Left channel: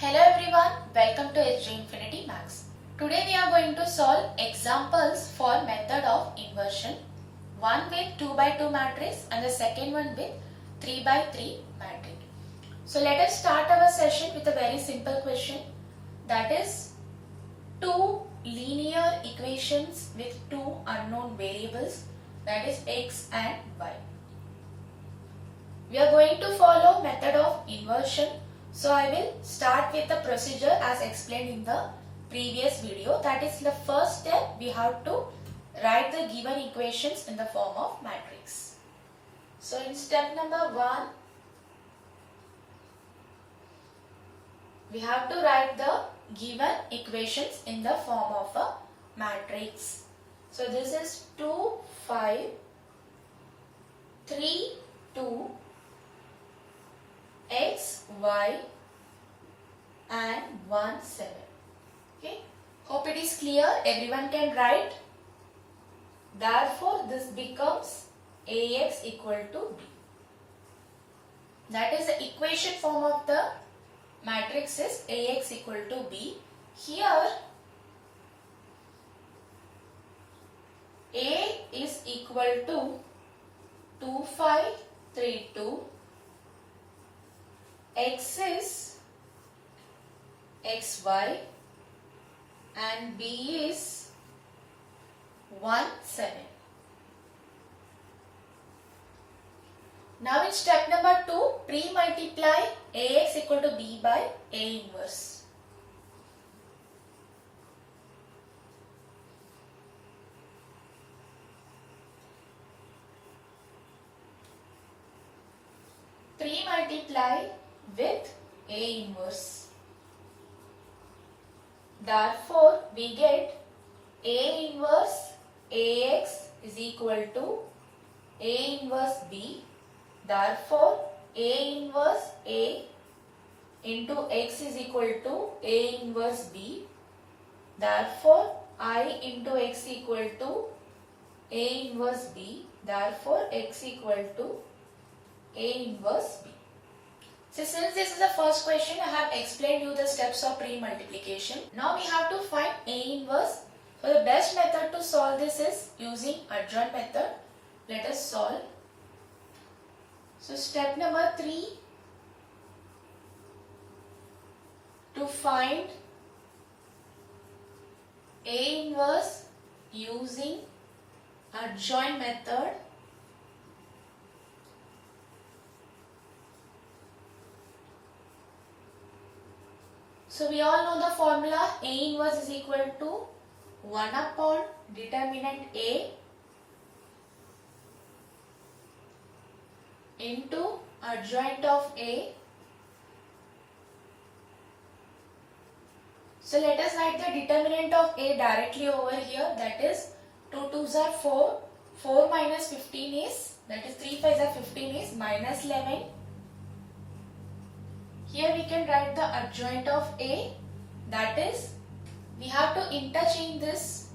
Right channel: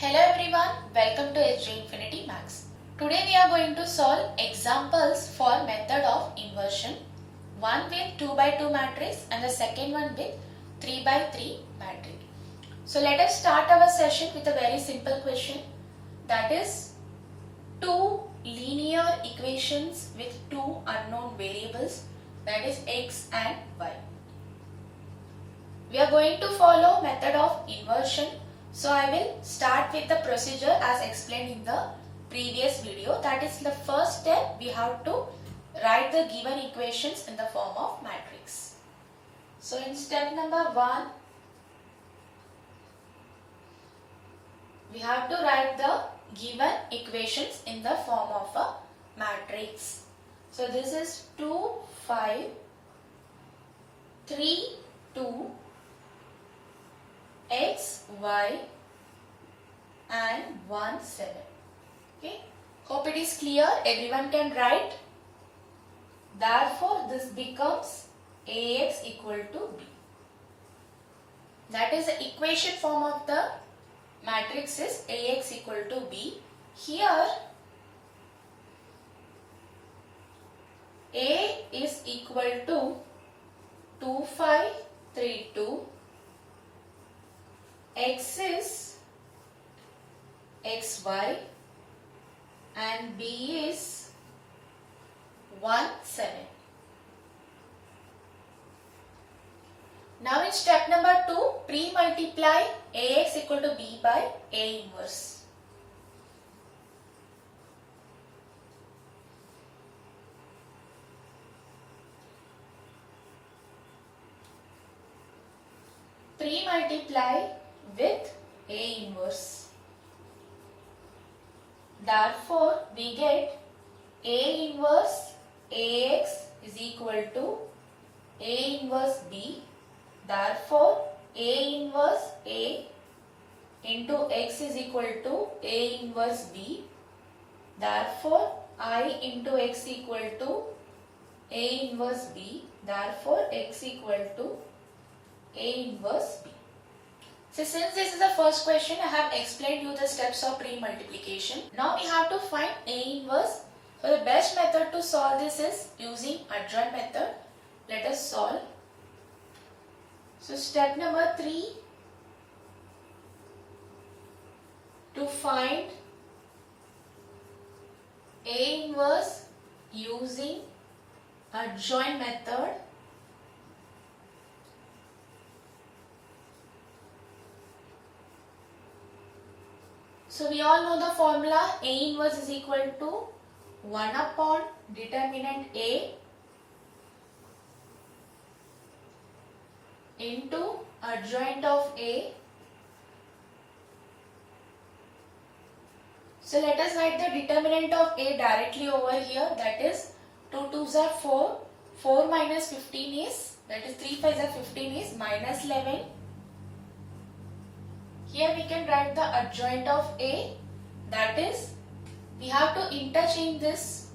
Hello everyone, welcome to HG Infinity Max. Today we are going to solve examples for method of inversion. One with 2 by 2 matrix and the second one with 3 by 3 matrix. So let us start our session with a very simple question, that is two linear equations with two unknown variables, that is x and y. We are going to follow method of inversion. So I will start with the procedure as explained in the previous video. That is, the first step we have to write the given equations in the form of matrix. So in step number 1, we have to write the given equations in the form of a matrix. So this is 2, 5, 3, 2, x, y and 1, 7. Okay. Hope it is clear. Everyone can write. Therefore, this becomes Ax equal to B. That is the equation form of the matrix is Ax equal to B. Here, A is equal to 2, 5, 3, 2. X is xy and B is 1, 7. Now in step number 2, pre-multiply Ax equal to B by A inverse. Pre-multiply with A inverse. Therefore, we get A inverse Ax is equal to A inverse B. Therefore, A inverse A into X is equal to A inverse B. Therefore, I into X equal to A inverse B. Therefore, X equal to A inverse B. So since this is the first question, I have explained you the steps of pre-multiplication. Now we have to find A inverse. So the best method to solve this is using adjoint method. Let us solve. So step number 3, to find A inverse using adjoint method. So we all know the formula. A inverse is equal to 1 upon determinant A into adjoint of A. So let us write the determinant of A directly over here. That is 2 2s are 4. 4 minus 15 is, that is 3 5s are 15 is minus 11. Here we can write the adjoint of A, that is, we have to interchange this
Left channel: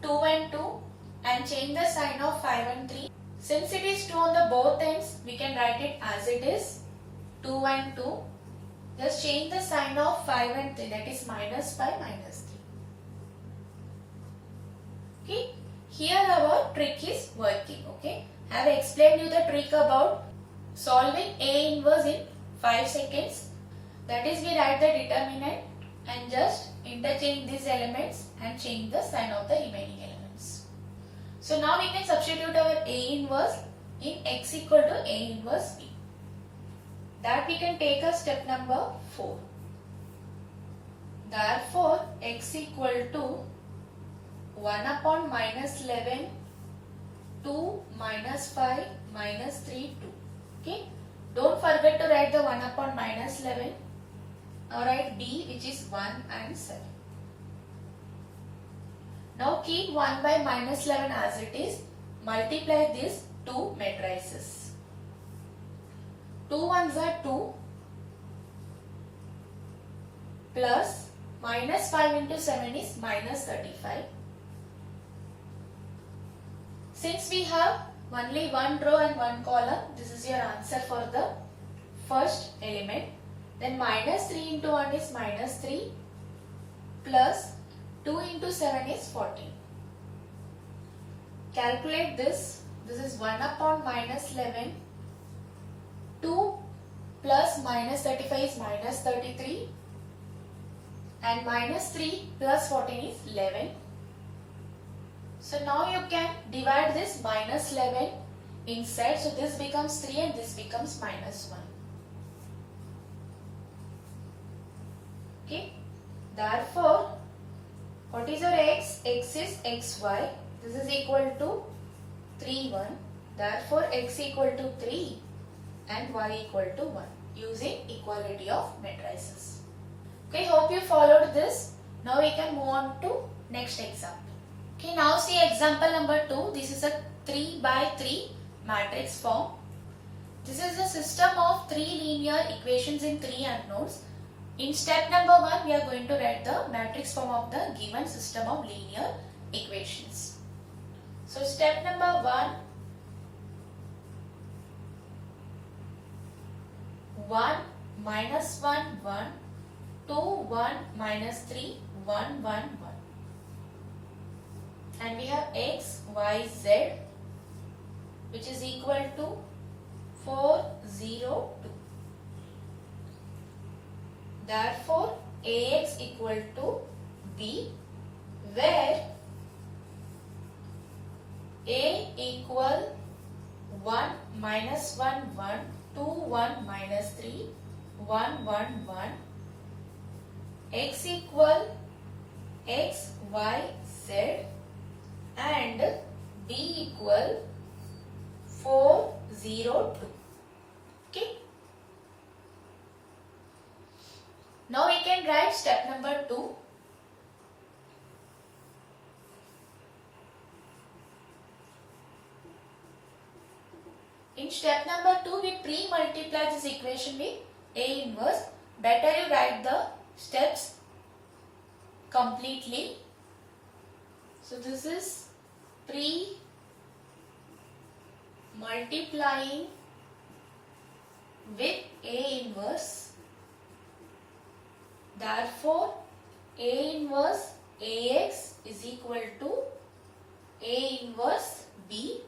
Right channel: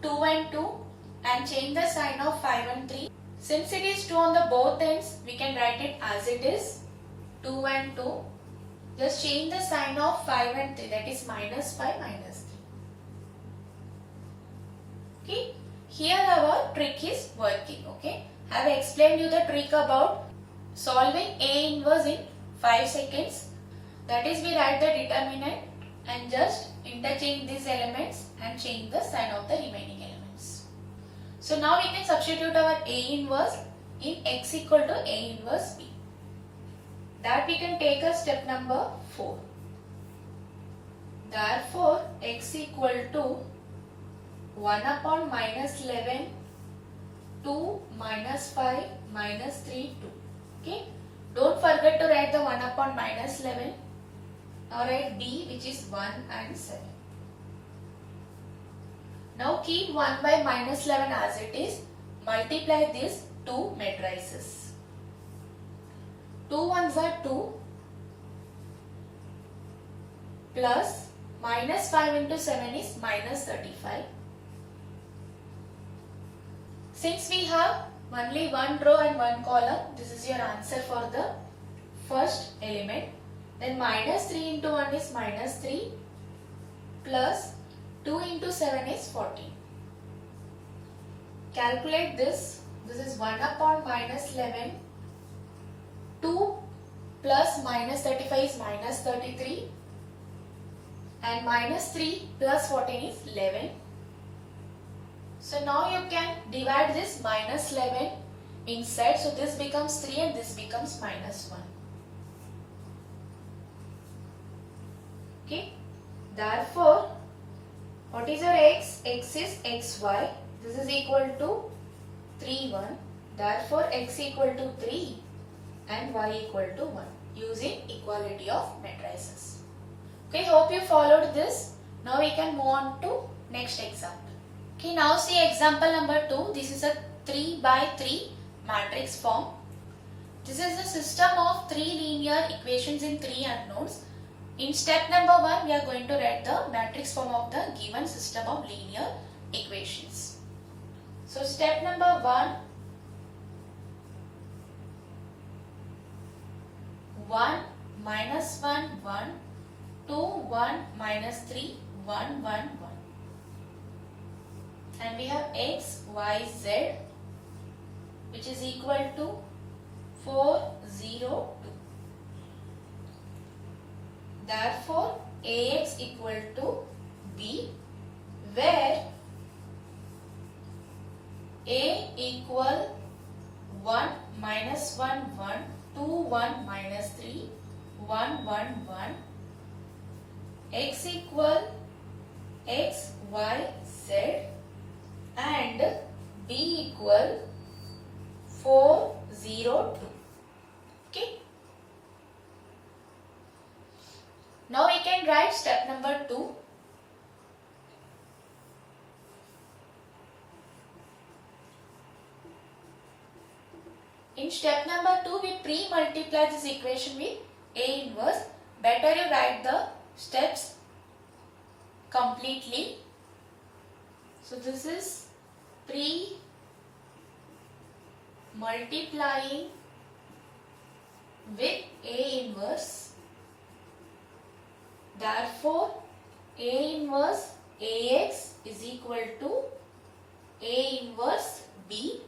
2 and 2 and change the sign of 5 and 3. Since it is 2 on the both ends, we can write it as it is 2 and 2. Just change the sign of 5 and 3, that is minus 5 minus 3. Okay, here our trick is working. Okay, I have explained you the trick about solving A inverse in 5 seconds. That is, we write the determinant and just interchange these elements and change the sign of the remaining elements. So now we can substitute our A inverse in x equal to A inverse B. That we can take as step number 4. Therefore, x equal to 1 upon minus 11, 2 minus 5 minus 3, 2. Okay. Don't forget to write the 1 upon minus 11. Now write B, which is 1 and 7. Now keep 1 by minus 11 as it is. Multiply these two matrices. 2 1s are 2 plus minus 5 into 7 is minus 35. Since we have only one row and one column, this is your answer for the first element. Then minus 3 into 1 is minus 3 plus 2 into 7 is 14. Calculate this. This is 1 upon minus 11. 2 plus minus 35 is minus 33. And minus 3 plus 14 is 11. So now you can divide this minus 11 inside. So this becomes 3 and this becomes minus 1. Okay. Therefore, what is your x? X is xy. This is equal to 3, 1. Therefore, x equal to 3 and y equal to 1 using equality of matrices. Okay, hope you followed this. Now we can move on to next example. Okay, now see example number 2. This is a 3 by 3 matrix form. This is a system of 3 linear equations in 3 unknowns. In step number 1, we are going to write the matrix form of the given system of linear equations. So step number 1, 1 minus 1 1, 2 1 minus 3 1 1 1, and we have x y z which is equal to 4 0 2. Therefore, Ax equal to B, where A equal 1 minus 1 1, 2 1 minus 3 1 1 1, x equal x y z, and B equal 4 0 2. Okay. Now we can write step number 2. In step number 2, we pre-multiply this equation with A inverse. Better you write the steps completely. So this is pre-multiplying with A inverse. Therefore, A inverse Ax is equal to A inverse B.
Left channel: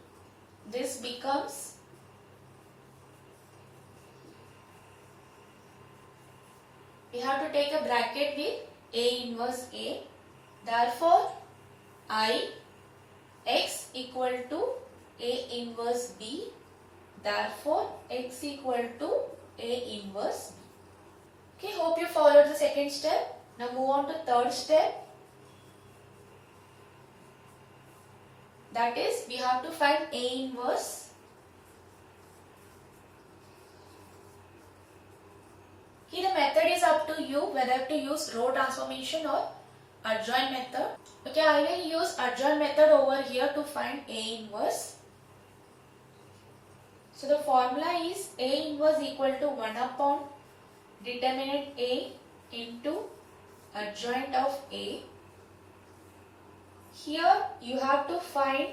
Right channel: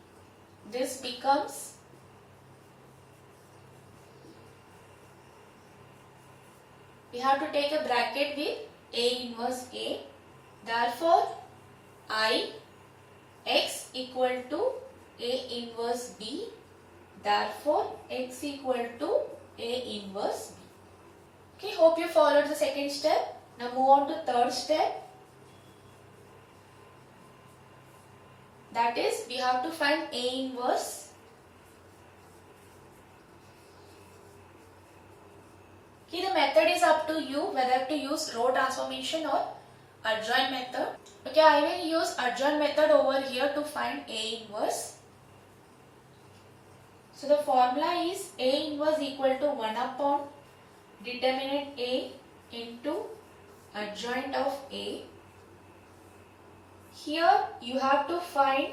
This becomes we have to take a bracket with A inverse A. Therefore, I x equal to A inverse B. Therefore, x equal to A inverse B. Okay, hope you followed the second step. Now move on to third step. That is, we have to find A inverse. Okay, the method is up to you whether to use row transformation or adjoint method. Okay, I will use adjoint method over here to find A inverse. So the formula is A inverse equal to 1 upon determinant A into adjoint of A. Here you have to find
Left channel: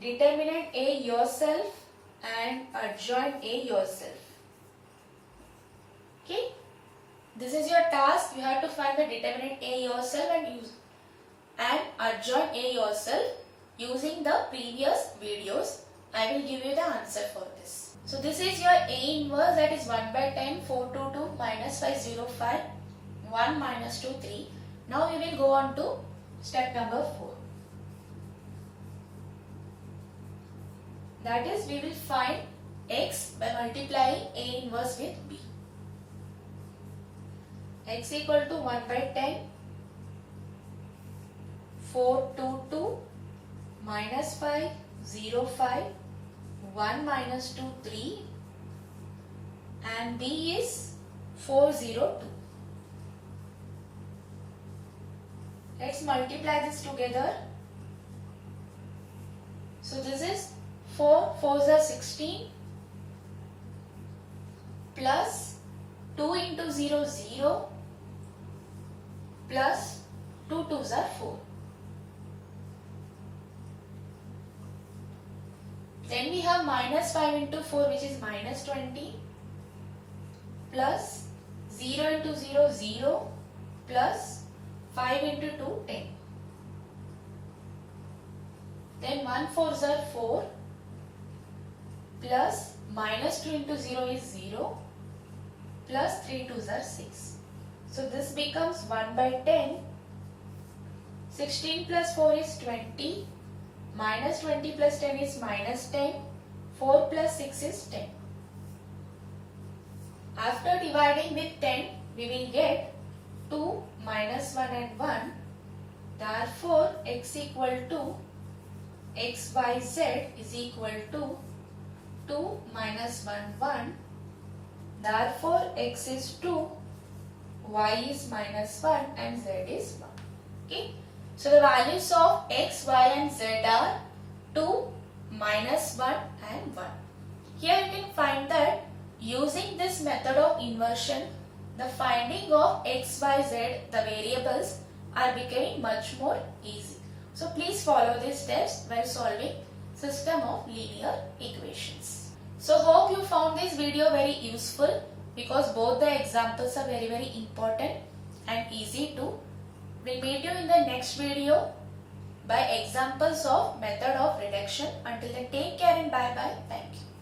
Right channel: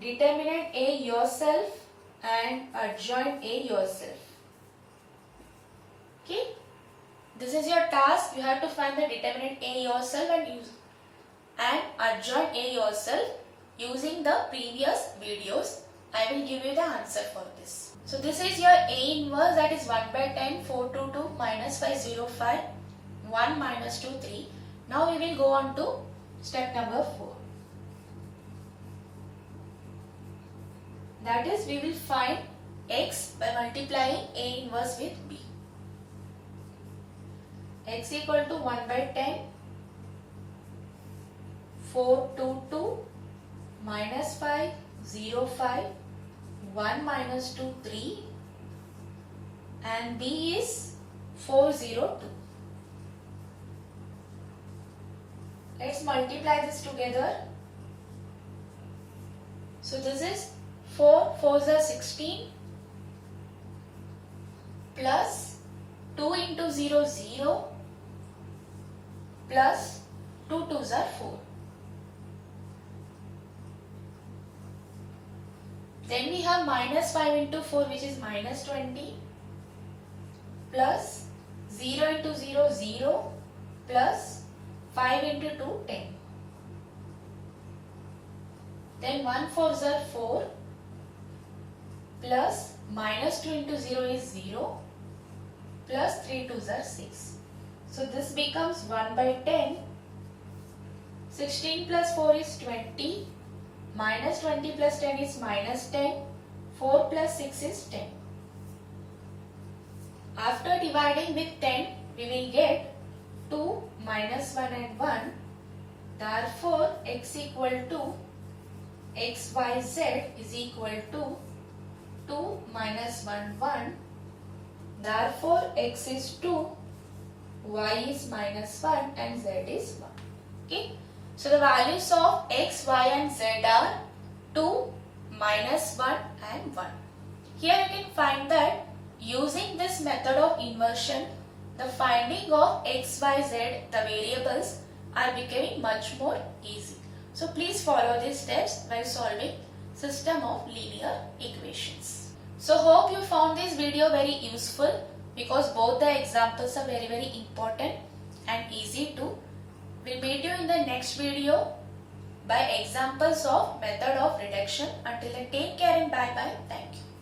determinant A yourself and adjoint A yourself. Okay, this is your task. You have to find the determinant A yourself and adjoint A yourself using the previous videos. I will give you the answer for this. So this is your A inverse, that is 1 by 10, 4 2 2, minus 5 0 5, 1 minus 2 3. Now we will go on to step number 4. That is, we will find x by multiplying A inverse with B. X equal to 1 by 10, 4 2 2, minus 5 0 5, 1 minus 2 3, and B is 4 0 2. Let's multiply this together. So this is 4 4s are 16 plus 2 into 0 0 plus 2 2s are 4. Then we have minus 5 into 4, which is minus 20, plus 0 into 0, 0 plus 5 into 2, 10. Then 1 4s are 4 plus minus 2 into 0 is 0 plus 3 2s are 6. So this becomes 1 by 10. 16 plus 4 is 20. Minus 20 plus 10 is minus 10. 4 plus 6 is 10. After dividing with 10, we will get 2 minus 1 and 1. Therefore, x equal to xyz is equal to 2 minus 1, 1. Therefore, x is 2, y is minus 1 and z is 1. Okay. So, the values of x, y and z are 2, minus 1 and 1. Here you can find that using this method of inversion, the finding of x, y, z, the variables are becoming much more easy. So please follow these steps while solving system of linear equations. So hope you found this video very useful because both the examples are very important and easy too. We'll meet you in the next video by examples of method of reduction. Until then, take care and bye bye. Thank you.